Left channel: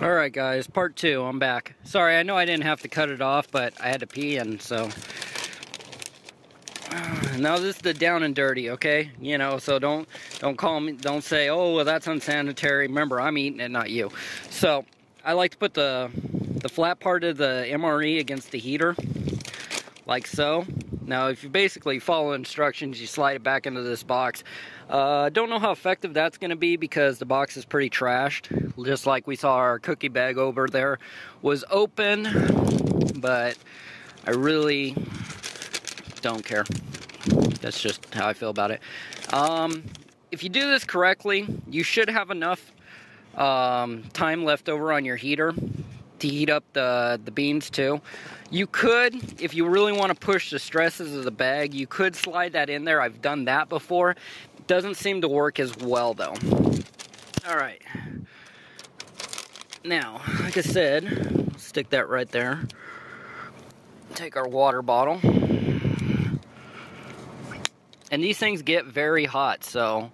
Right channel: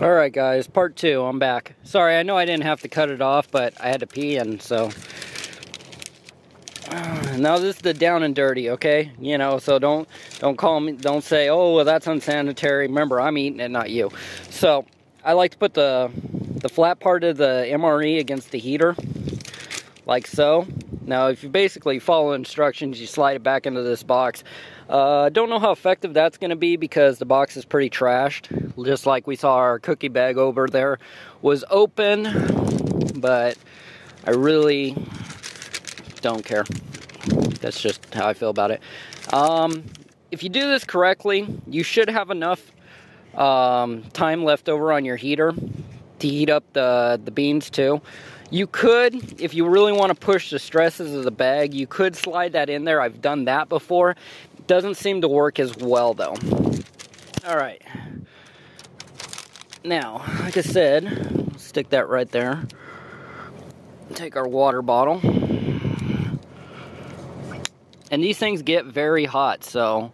Alright guys, part 2, I'm back. Sorry, I know I didn't have to cut it off, but I had to pee, and so... Now this is the down and dirty, okay? You know, so don't call me, don't say, oh, well, that's unsanitary. Remember, I'm eating it, not you. So, I like to put the flat part of the MRE against the heater, like so. Now, if you basically follow instructions, you slide it back into this box. Don't know how effective that's going to be because the box is pretty trashed. Just like we saw our cookie bag over there was open, but I really don't care. That's just how I feel about it. If you do this correctly, you should have enough time left over on your heater to heat up the beans too. You could, if you really want to push the stresses of the bag, you could slide that in there. I've done that before. Doesn't seem to work as well though. Alright. Now, like I said, stick that right there. Take our water bottle. And these things get very hot, so,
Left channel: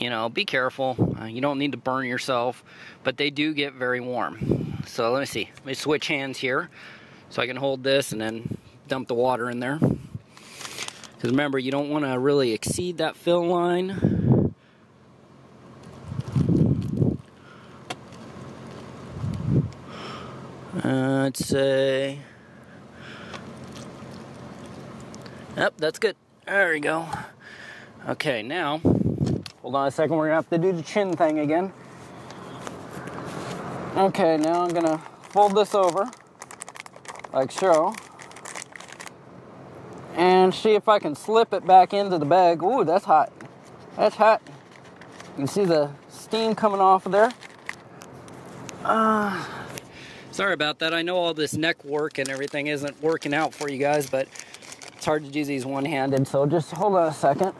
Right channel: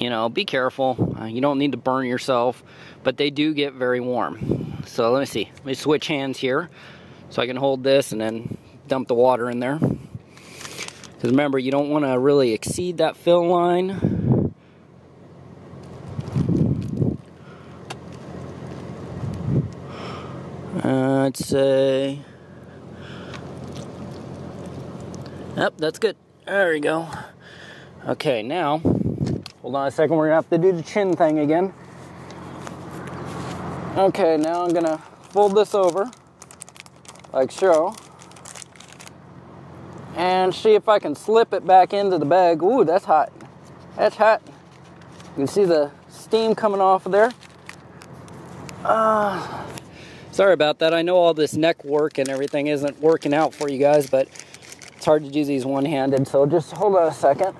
you know, be careful. You don't need to burn yourself, but they do get very warm. So let me see. Let me switch hands here so I can hold this and then dump the water in there. Because remember, you don't want to really exceed that fill line. I'd say... Yep, that's good. There we go. Okay, now, hold on a second, we're going to have to do the chin thing again. Okay, now I'm going to fold this over, like so. And see if I can slip it back into the bag. Ooh, that's hot. That's hot. You can see the steam coming off of there. Sorry about that. I know all this neck work and everything isn't working out for you guys, but it's hard to do these one-handed, so just hold on a second.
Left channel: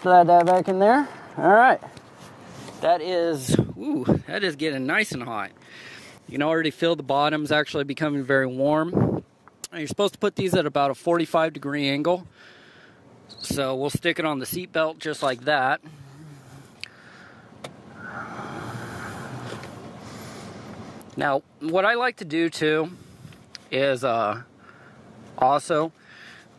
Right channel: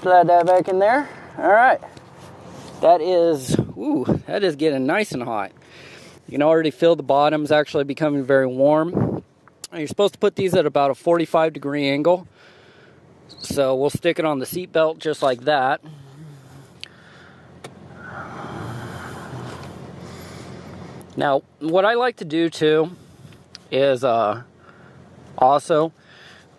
Slide that back in there. Alright. That is getting nice and hot. You can already feel the bottom's actually becoming very warm. You're supposed to put these at about a 45-degree angle. So we'll stick it on the seat belt just like that. Now, what I like to do too is also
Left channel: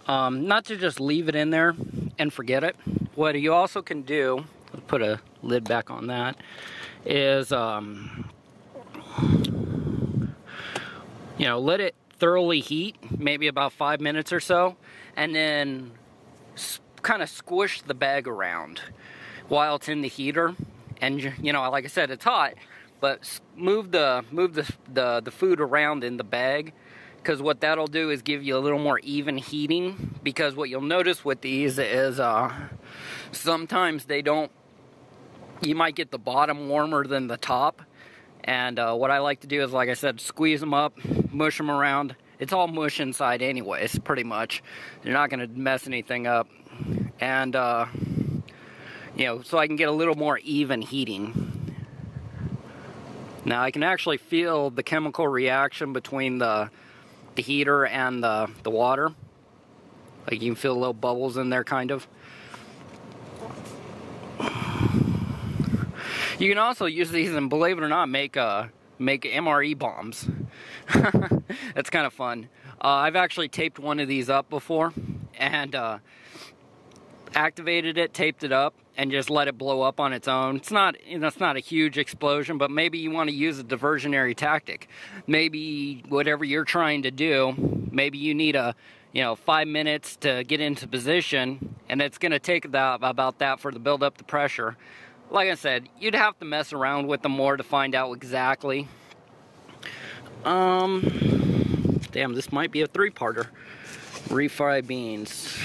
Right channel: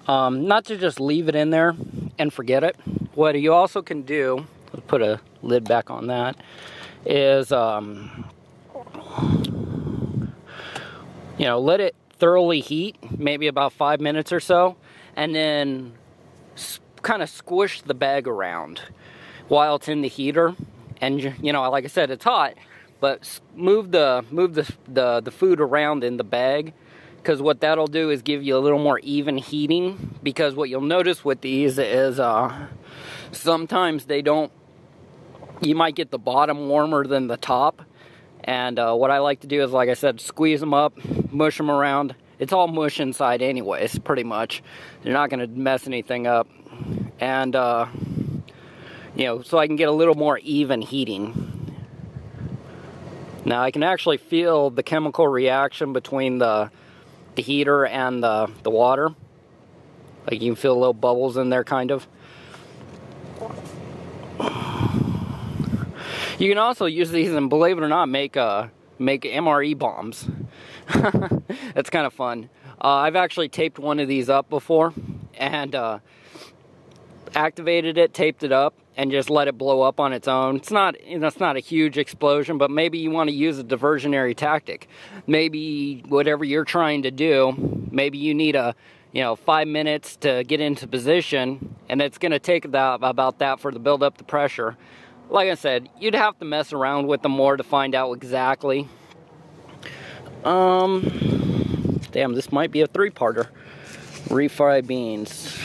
not to just leave it in there and forget it. What you also can do, put a lid back on that, is you know, let it thoroughly heat, maybe about 5 minutes or so, and then kind of squish the bag around while it's in the heater. And you know, like I said, it's hot, but move the food around in the bag, because what that'll do is give you a little more even heating. Because what you'll notice with these is sometimes they don't, you might get the bottom warmer than the top. And what I like to do is, like I said, squeeze them up, mush them around. It's all mush inside anyways, pretty much. You're not going to mess anything up. And, you know, so I can get a little more even heating. Now, I can actually feel the chemical reaction between the heater and the water. Like, you can feel little bubbles in there, kind of. You can also use these and, believe it or not, make MRE bombs. That's kind of fun. I've actually taped one of these up before and activated it, taped it up, and just let it blow up on its own. It's not a huge explosion, but maybe you want to use a diversionary tactic. Maybe whatever you're trying to do, maybe you need 5 minutes to get into position, and it's going to take about that for to build up the pressure. Like I said, you'd have to mess around with them more to find out exactly. Damn, this might be a 3-parter. Refried beans.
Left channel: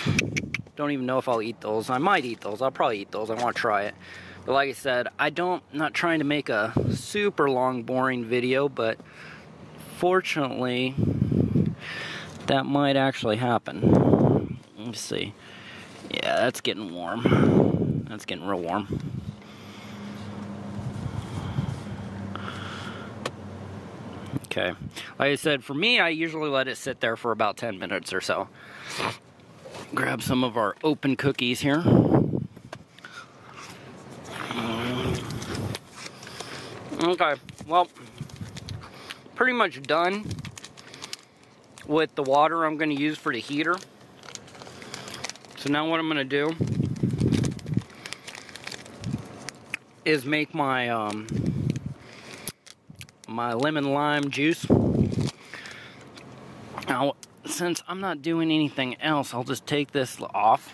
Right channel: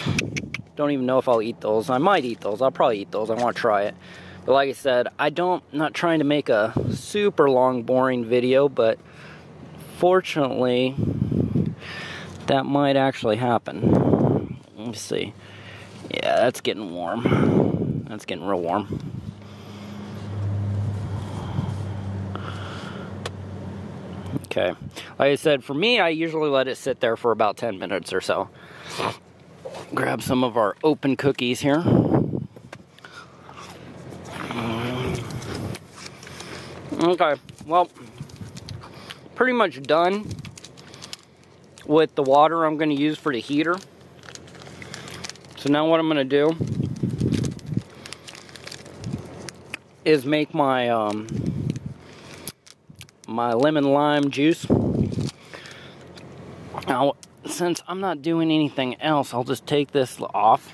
Don't even know if I'll eat those. I might eat those. I'll probably eat those. I want to try it. But like I said, not trying to make a super long, boring video, but fortunately, that might actually happen. Let's see. Yeah, that's getting warm. That's getting real warm. Okay, like I said, for me, I usually let it sit there for about 10 minutes or so. Grab some of our open cookies here. Okay, well, pretty much done with the water I'm going to use for the heater. So now what I'm going to do is make my my lemon lime juice. Now, since I'm not doing anything else, I'll just take this off,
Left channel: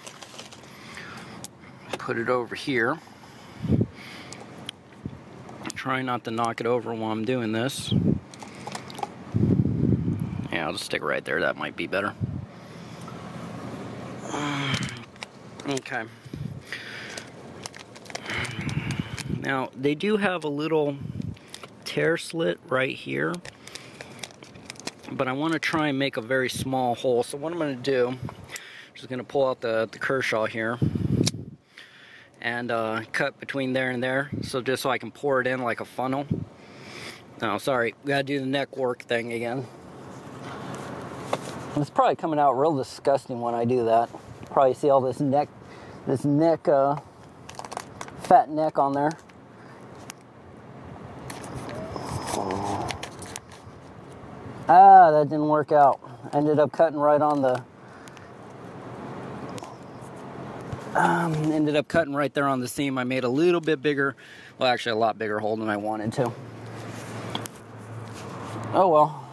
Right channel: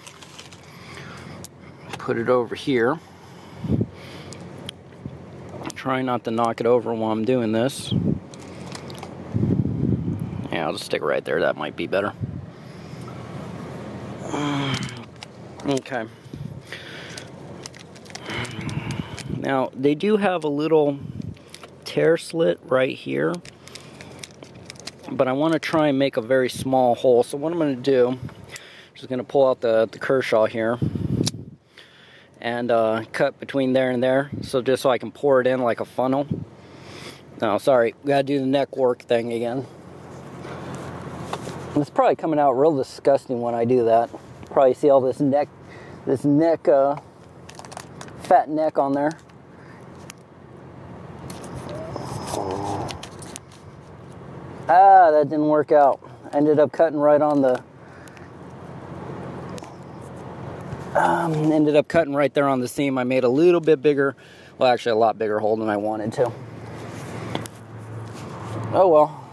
put it over here. Try not to knock it over while I'm doing this. Yeah, I'll just stick it right there. That might be better. Okay. Now, they do have a little tear slit right here, but I want to try and make a very small hole. So what I'm going to do, I'm just going to pull out the Kershaw here and cut between there and there, so just so I can pour it in like a funnel. No, sorry, gotta do the neck work thing again. It's probably coming out real disgusting when I do that. Probably see all this neck, fat neck on there. Ah, that didn't work out. I ended up cutting right on the, ended up cutting right there on the seam. I made a little bit bigger, well actually a lot bigger hole than I wanted to. Oh well.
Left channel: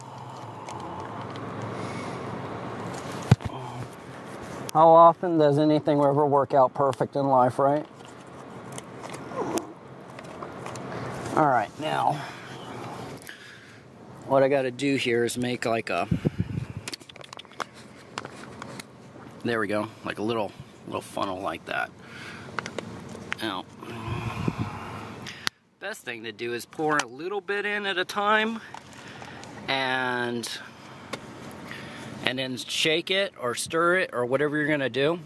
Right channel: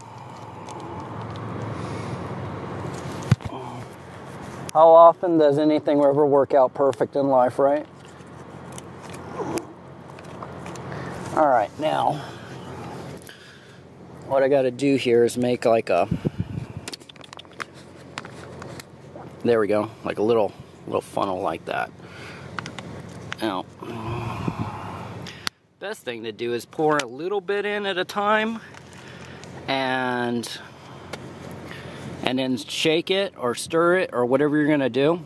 How often does anything ever work out perfect in life, right? Alright, now, what I gotta do here is make like a, there we go, like a little funnel like that. Now, best thing to do is pour a little bit in at a time, and then shake it or stir it or whatever you're gonna do.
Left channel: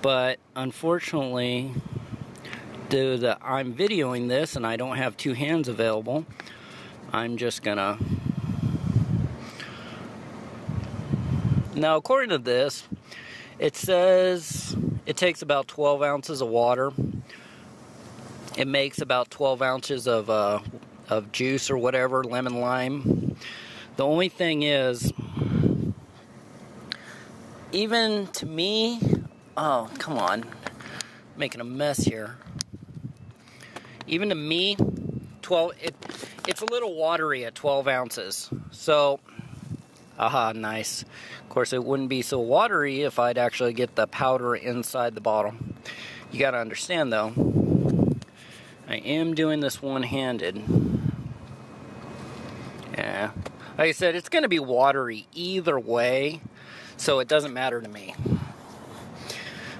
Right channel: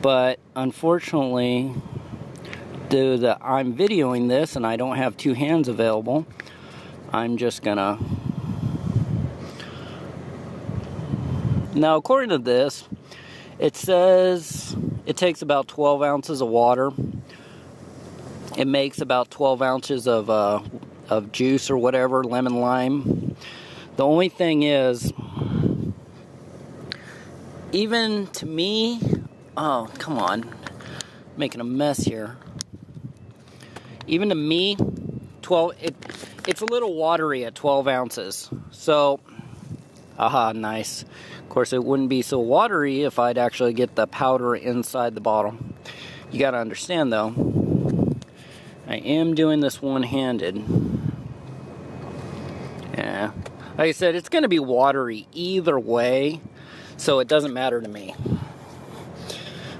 But unfortunately, due to I'm videoing this and I don't have two hands available, I'm just gonna, now according to this, it says it takes about 12 ounces of water. It makes about 12 ounces of juice or whatever, lemon lime. The only thing is, even to me, oh, come on, making a mess here. Even to me, it's a little watery at 12 ounces. So, aha, nice. Of course, it wouldn't be so watery if I'd actually get the powder inside the bottle. You gotta understand though, I am doing this one-handed. Yeah. Like I said, it's gonna be watery either way, so it doesn't matter to me.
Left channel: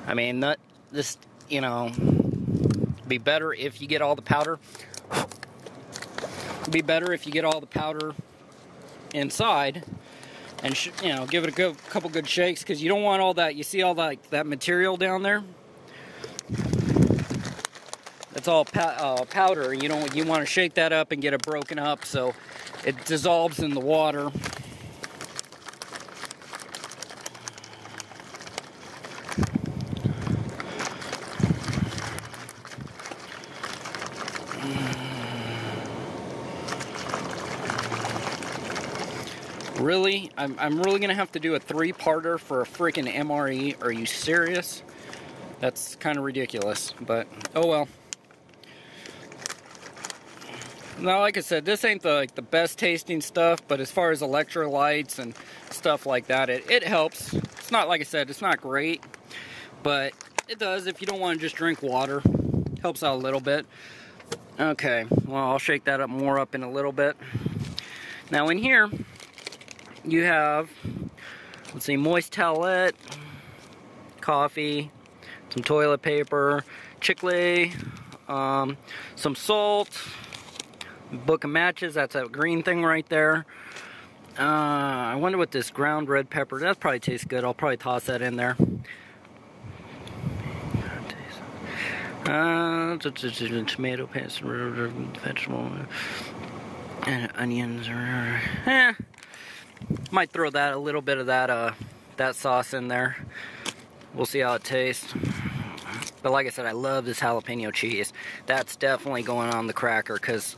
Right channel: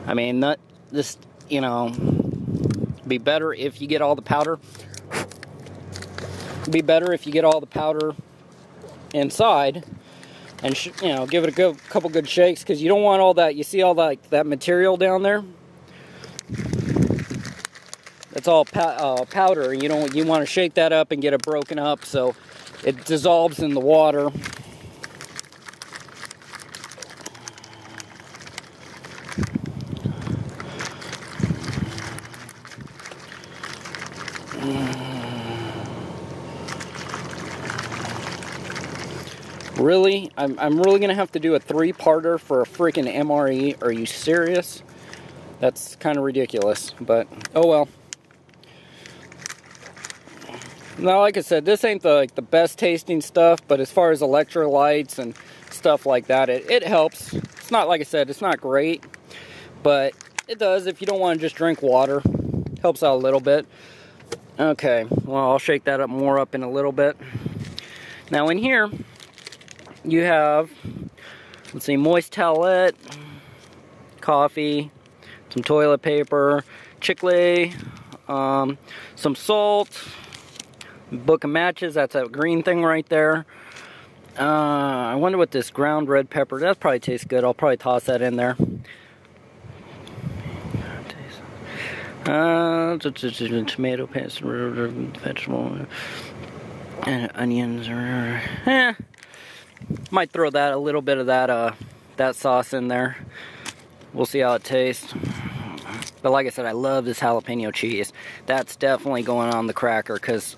I mean, not this, you know, be better if you get all the powder. Be better if you get all the powder inside, and you know, give it a couple good shakes, because you don't want all that. You see all that material down there? It's all powder. You want to shake that up and get it broken up so it dissolves in the water. Really? I'm really gonna have to do a 3-parter for a freaking MRE. Are you serious? That's kind of ridiculous, but oh well. Now, like I said, this ain't the best tasting stuff, but as far as electrolytes and stuff like that, it helps. It's not, like I said, it's not great, but it does if you don't want to just drink water. Helps out a little bit. Okay, well, I'll shake that up more up in a little bit. Now in here, you have, let's see, moist towelette, coffee, some toilet paper, chicle, some salt, book of matches, that's that green thing right there. I wonder what this ground red pepper, that probably tastes good. I'll probably toss that in there. Tomato paste, vegetable, and onions. Might throw that, a little bit of that sauce in there. We'll see how it tastes. But like I said, I love this jalapeno cheese. That's definitely going on the cracker, because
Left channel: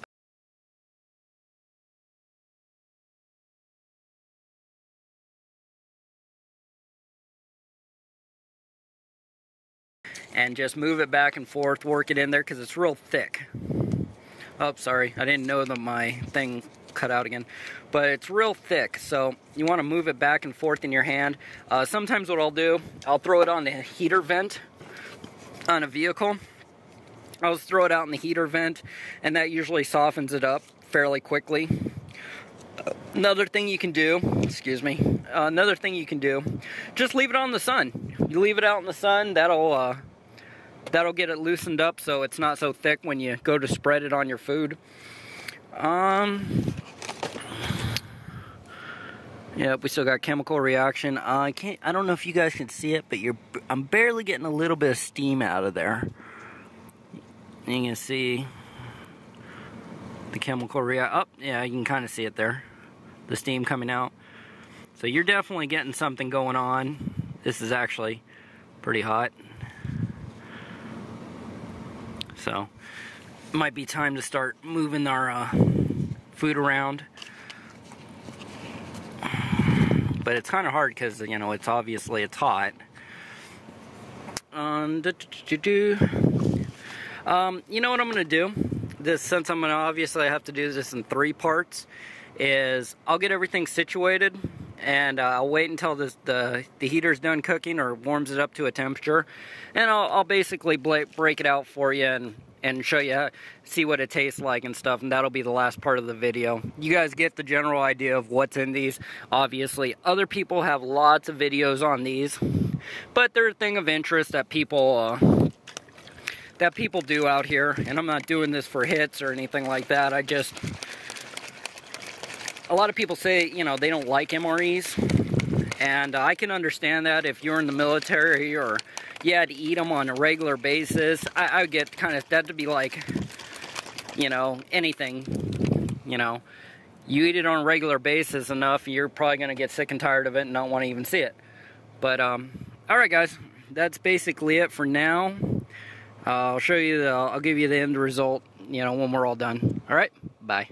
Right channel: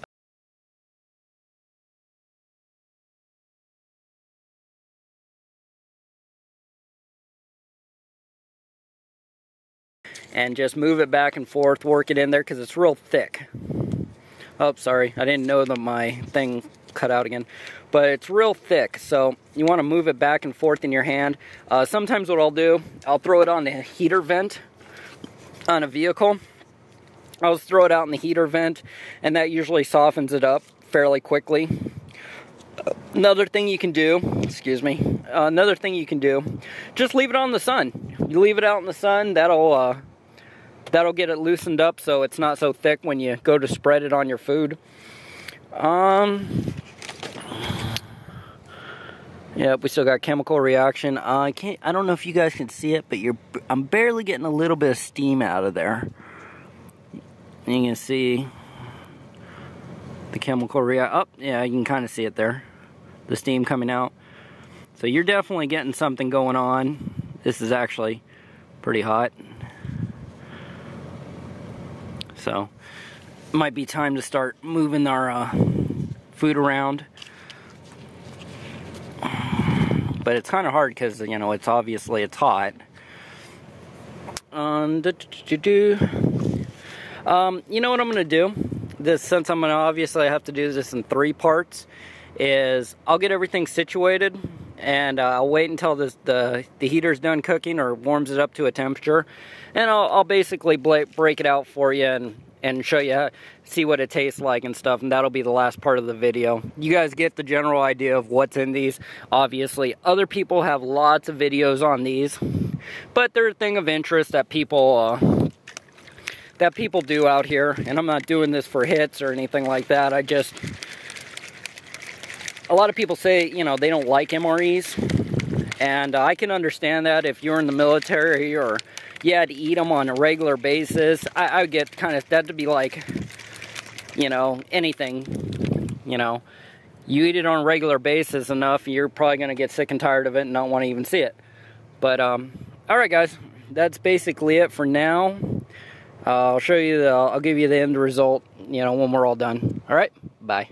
and just move it back and forth, work it in there, because it's real thick. Oh, sorry, I didn't know that my thing cut out again. But it's real thick, so you want to move it back and forth in your hand. Sometimes what I'll do, I'll throw it on the heater vent on a vehicle. I'll just throw it out in the heater vent, and that usually softens it up fairly quickly. Another thing you can do, just leave it on the sun. You leave it out in the sun, that'll get it loosened up so it's not so thick when you go to spread it on your food. Yeah, we still got chemical reaction. I don't know if you guys can see it, but I'm barely getting a little bit of steam out of there. And you can see the chemical reaction. Oh, yeah, you can kind of see it there. The steam coming out. So you're definitely getting something going on. This is actually pretty hot. So, it might be time to start moving our food around. But it's kind of hard because, you know, it's obviously hot. You know what I'm going to do? Since I'm going to obviously have to do this in 3 parts, is I'll get everything situated, and I'll wait until the heater's done cooking or warms it up to a temperature, and I'll basically break it out for you and show you, see what it tastes like and stuff, and that'll be the last part of the video. You guys get the general idea of what's in these. Obviously, other people have lots of videos on these, but they're a thing of interest that people do out here, and I'm not doing this for hits or anything like that. A lot of people say, you know, they don't like MREs, and I can understand that if you're in the military or you had to eat them on a regular basis. I would get kind of, that to be like, you know, anything, you know, you eat it on a regular basis enough, you're probably going to get sick and tired of it and not want to even see it. But, alright guys, that's basically it for now. I'll show you, I'll give you the end result, you know, when we're all done. Alright, bye.